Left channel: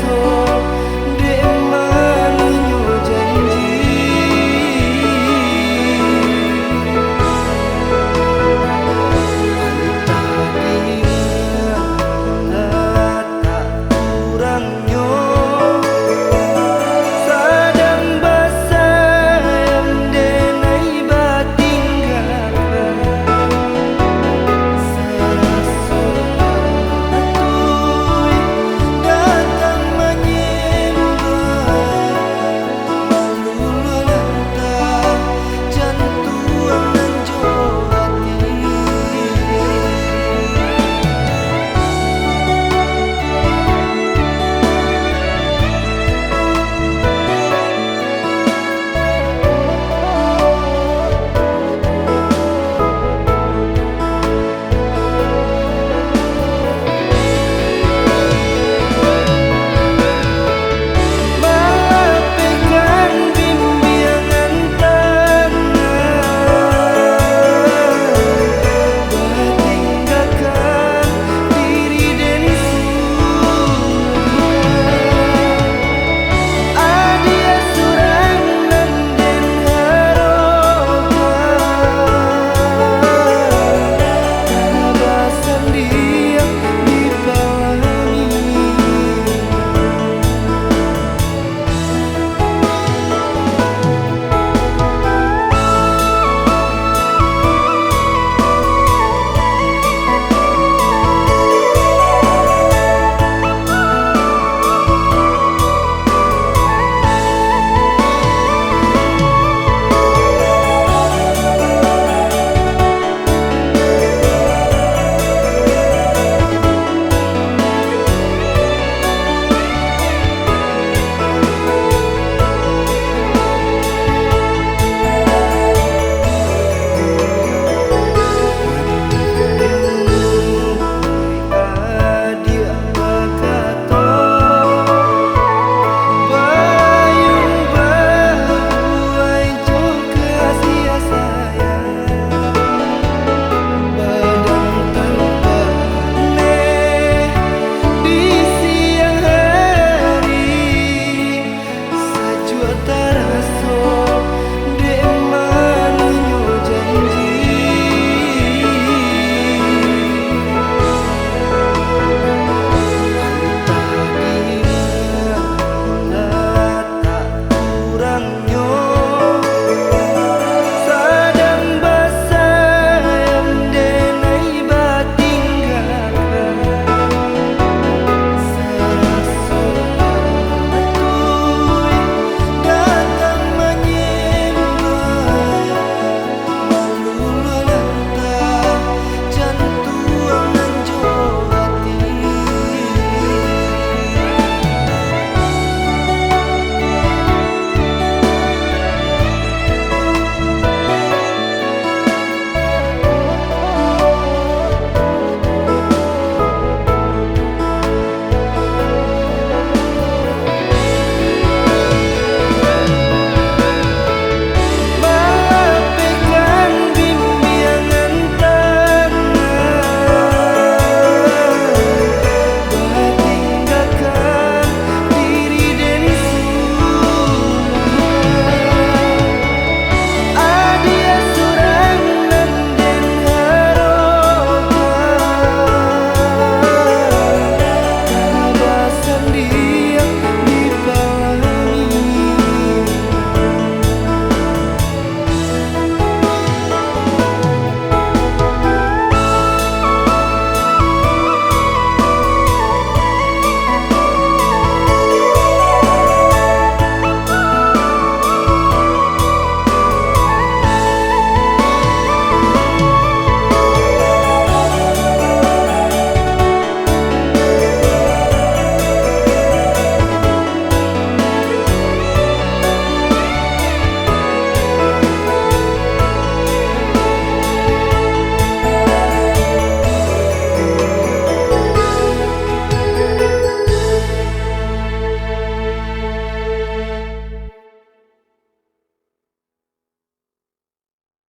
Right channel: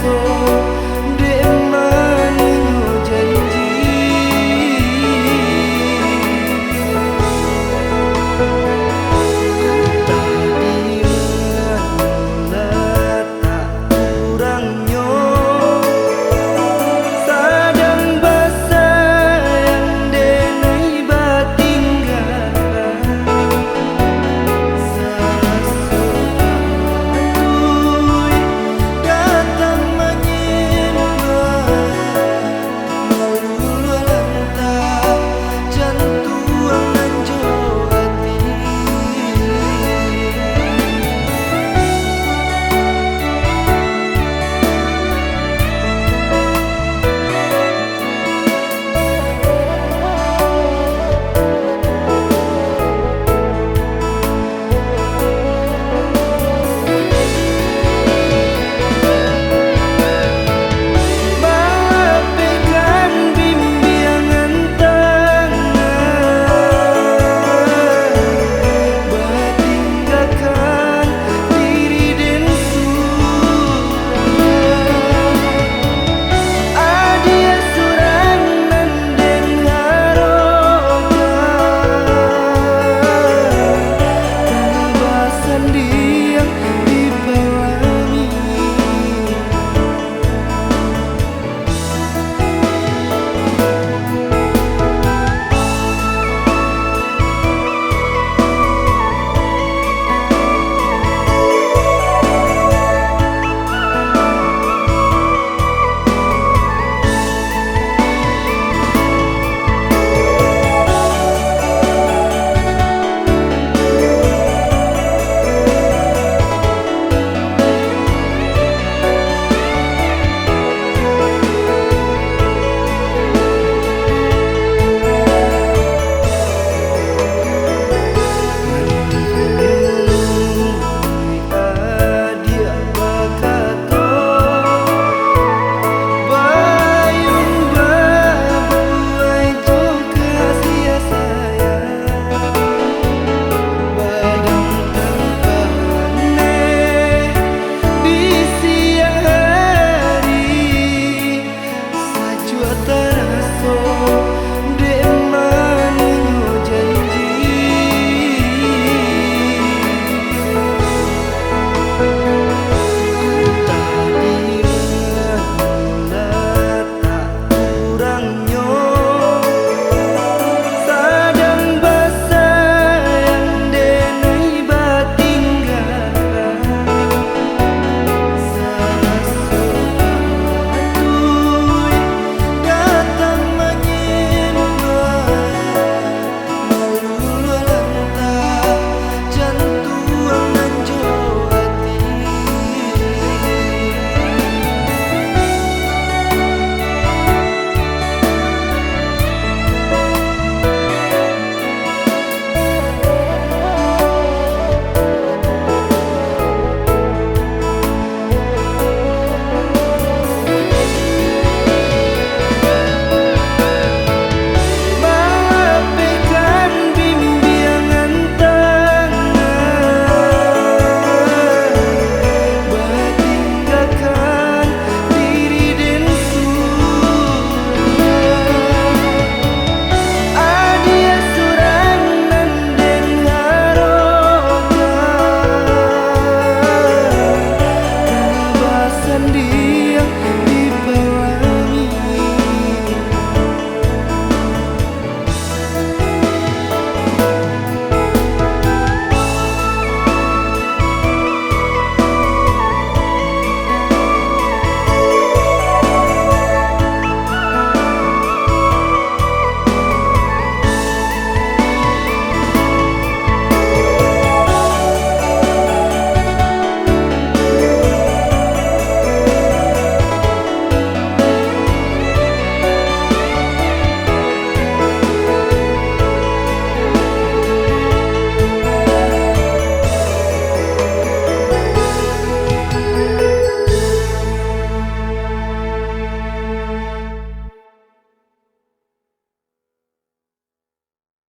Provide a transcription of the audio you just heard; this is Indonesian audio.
teraso dek maninyo janji. Entah di mana tak kurangnya sadang basah yang denai batinggalkan. Seraso patui datang menyembah malu lantah jantuang nan jo hati. Maafkan bimbingan tangan, batinggalkan diri dan surang. Adia surang nan den harogan, tabasan dia di palami. Teraso dek maninyo janji. Entah di mana tak kurangnya sadang basah yang denai batinggalkan. Seraso patui datang menyembah malu lantah jantuang nan jo hati. Maafkan bimbingan tangan, batinggalkan diri dan surang. Adia surang nan den harogan, tabasan dia di palami.